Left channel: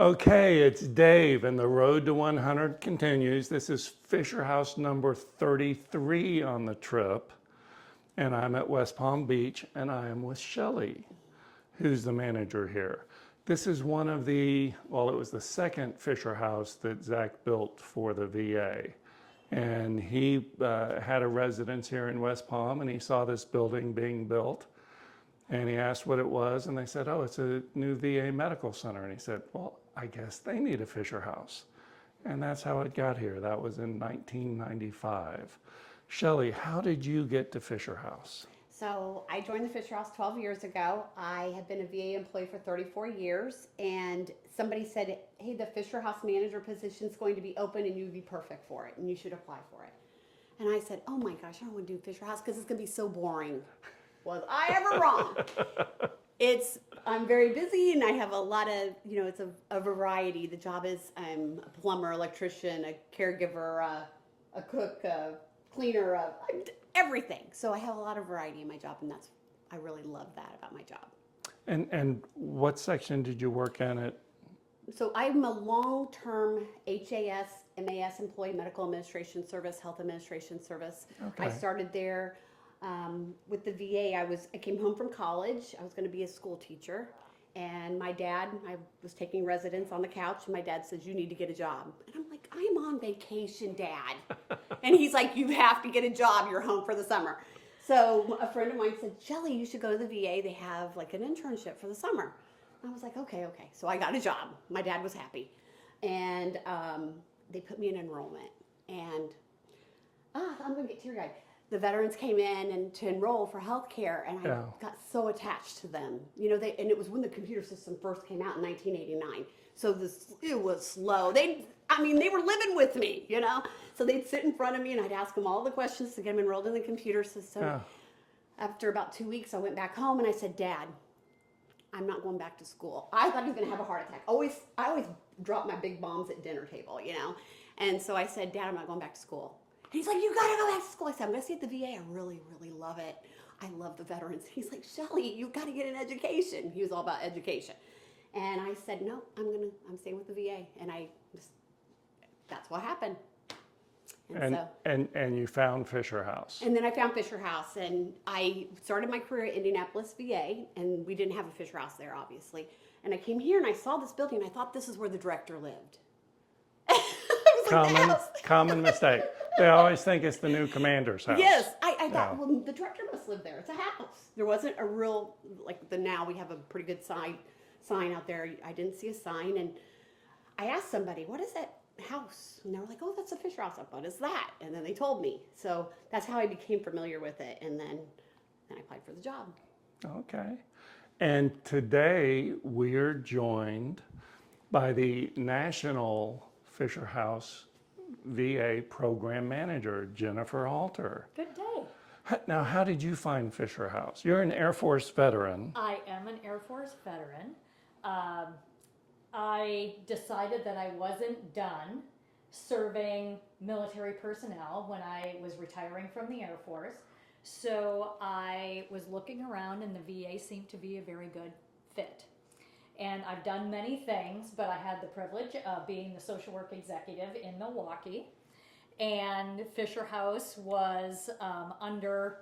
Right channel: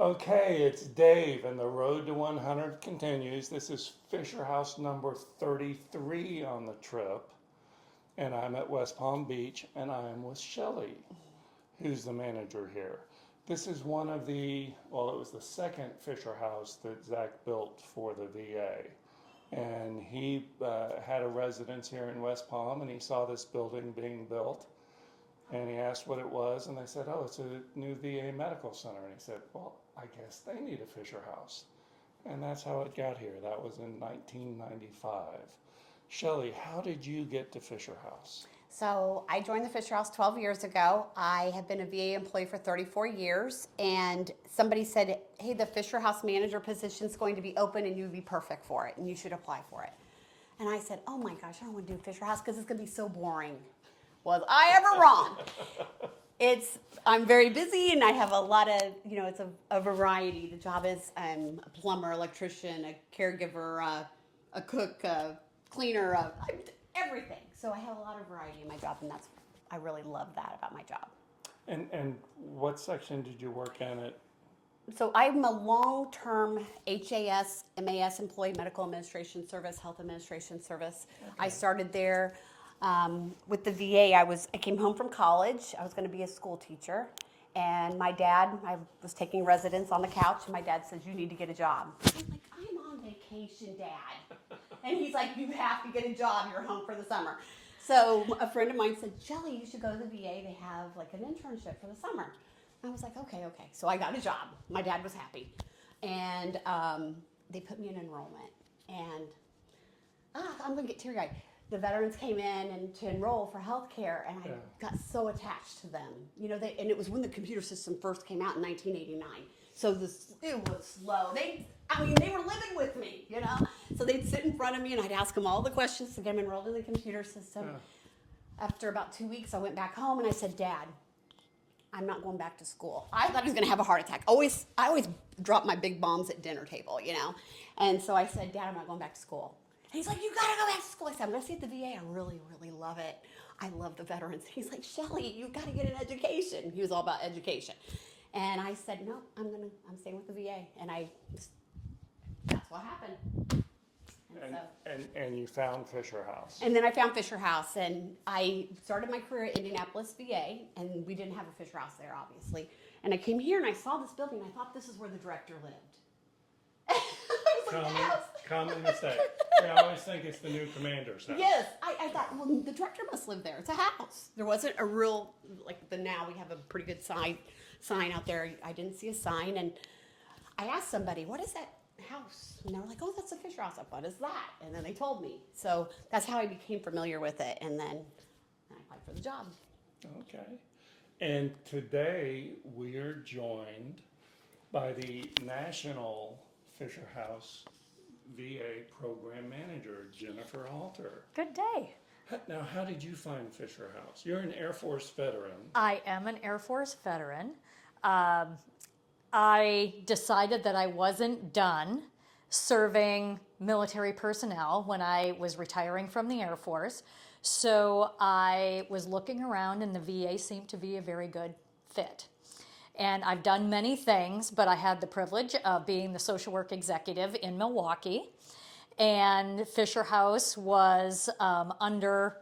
Okay, it's Dave, and the road to 100 continues. This is Fisher House number 33 on the trip, and I'm at West Palm Beach, and I am with Shelly, who's the manager here. This is one of the, well, it was the second Fisher House that Zach built for the VA. And he had a residence here in West Palm, and he saw this building being built. And he asked what it was, and they said, oh, it's a new VA medical center. And he said, well, I guess they need a Fisher House. And that's how it got here. That was in 1995. Shelly, how did you get to Fisher House? So I joined the Fisher House 12 years ago. I have been a VA employee for 34 years, and somebody said, hey, the Fisher House manager position is going to be open and you'd be perfect for it, and you should apply for it. And I said, oh my gosh, I don't want to do Fisher House because it's going to be so boring. Was I ever wrong? I'm very busy and I have a lot of, it's a variety. The job is a plumber, electrician, a caregiver, a cook, a cleaner, everything. So I have a lot of variety in my job, and I really love that about my job. And what section did you work in at? So I'm a long-term HAS, MAS employee, Medical Administration Service, Health Administration Service. Okay. I started there with the VA. I came home from college. I was going to be a school teacher. And I was taking residence on the couch, and my dad says, you need to get a job. I'm like, I'm on vacation, Dad. And he's like, you have to get a job. You're home for the summer. So a friend of mine said, Shelly, you should go to the VA. They have like an internship for the summer. I was like, okay. So I got a job. My dad was happy. And they put me in enrollment. And I'm going to get teary-eyed. The veterans came in and to enroll for healthcare, and I got so attached to them. And it was when the computer system first came out in 1989. So it was slow. They were living with me, So they'd sit in front of me, and I'd ask them all the questions to get them enrolled in the computer system. After about 2 weeks, I went back home, and I said, Dad, I'm not going back to school. I thought I was going to have a heart attack. I always drop my big bombs at dinner table, And so I said, Dad, I'm not going back to school. And he's like, you gotta go back to school. I said, I'm gonna stay at the VA. I really, really love it. I love the veterans. He's like, Shelly, you gotta get an education. He was all about education. And I said, no, I'm staying with the VA. And that's what happened. And you found Fisher House. And then I found Fisher House, and I started my career at Indianapolis VA, and we didn't have a Fisher House there, obviously. And I came here and I saw this building, and I thought this is where the director lived. Common mistake. They always think it's the new commander's house. Yes, I thought, well, the director must live there. It's a house. There wasn't a real, now we have a pretty good sign out there. I didn't see a sign, and I asked somebody, what is that house? And they were like, oh, that's a Fisher House. Like, what is that? And then they told me. So that's how I became familiar with it, and then I applied for the job. Okay. And today we're joined by the National Fisher House VA Program Manager, Jennifer Halter. Good day. Now, how did you find Fisher House? You're an Air Force veteran. I am an Air Force veteran. I decided that I wasn't done serving military personnel when I was retiring from the Air Force. So I was looking around, and the VA seemed to be a very good fit. And I've done many things, but I had the privilege of being the social work executive in Milwaukee. And Fisher House was under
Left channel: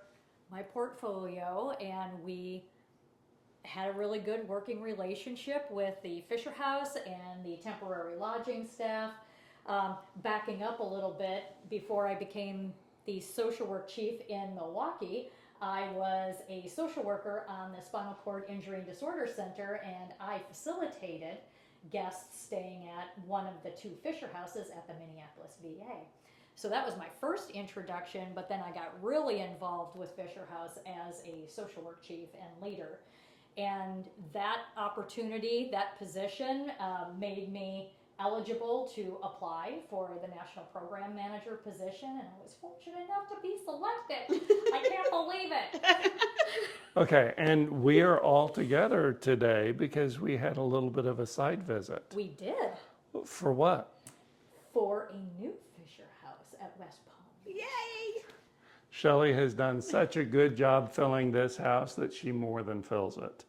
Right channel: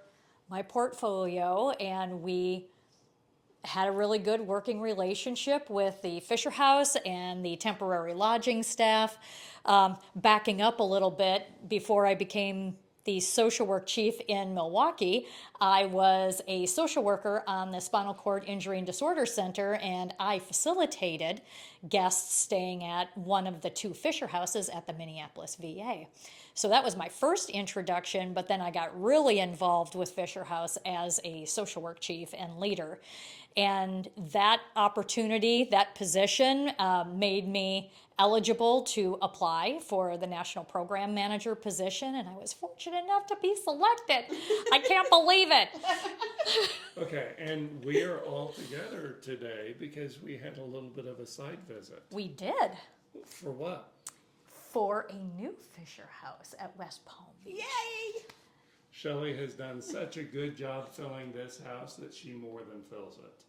my portfolio, and we had a really good working relationship with the Fisher House and the temporary lodging staff. Backing up a little bit, before I became the social work chief in Milwaukee, I was a social worker on the Spinal Cord Injury and Disorder Center, and I facilitated guests staying at one of the two Fisher Houses at the Minneapolis VA. So that was my first introduction, but then I got really involved with Fisher House as a social work chief and leader. And that opportunity, that position, made me eligible to apply for the National Program Manager position, and I was fortunate enough to be selected. I can't believe it. Okay, and we're all together today because we had a little bit of a site visit. We did. For what? For a new Fisher House at West Palm Beach. Yay! Shelly has done such a good job filling this house that she more than fills it.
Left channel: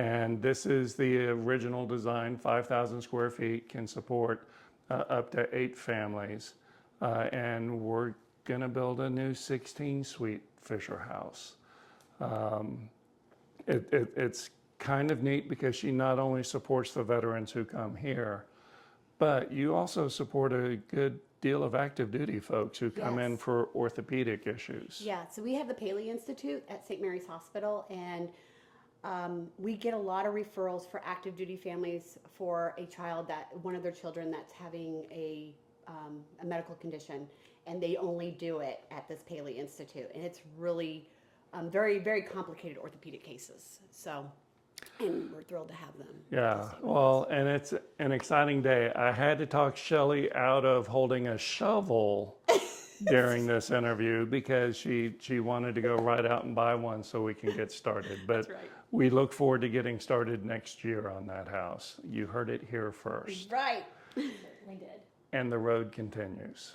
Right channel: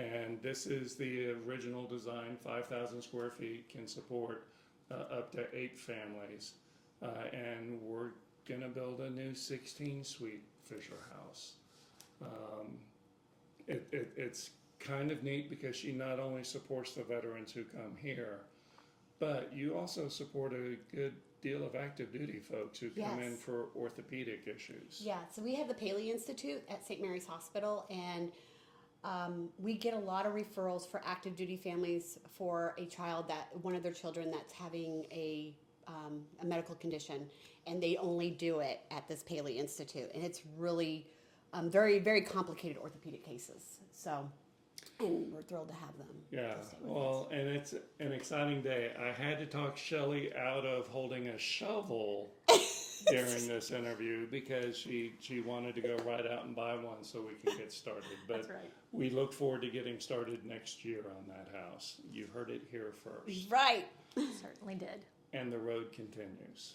And this is the original design, 5,000 square feet, can support up to 8 families. And we're gonna build a new 16-suite Fisher House. It's kind of neat because she not only supports the veterans who come here, but you also support a good deal of active duty folks who come in Yes. for orthopedic issues. Yeah, so we have the Paley Institute at St. Mary's Hospital, and we get a lot of referrals for active duty families for a child that one of their children that's having a medical condition, and they only do it at this Paley Institute, and it's really very, very complicated orthopedic cases. So, and we're thrilled to have them. Yeah, to stay with us. well, and it's an exciting day. I had to talk Shelley out of holding a shovel during this interview because she wanted to go right out and buy one so we can get started. But That's right. we look forward to getting started next year on that house. You heard it here first. Right. Certainly did. And the road continues.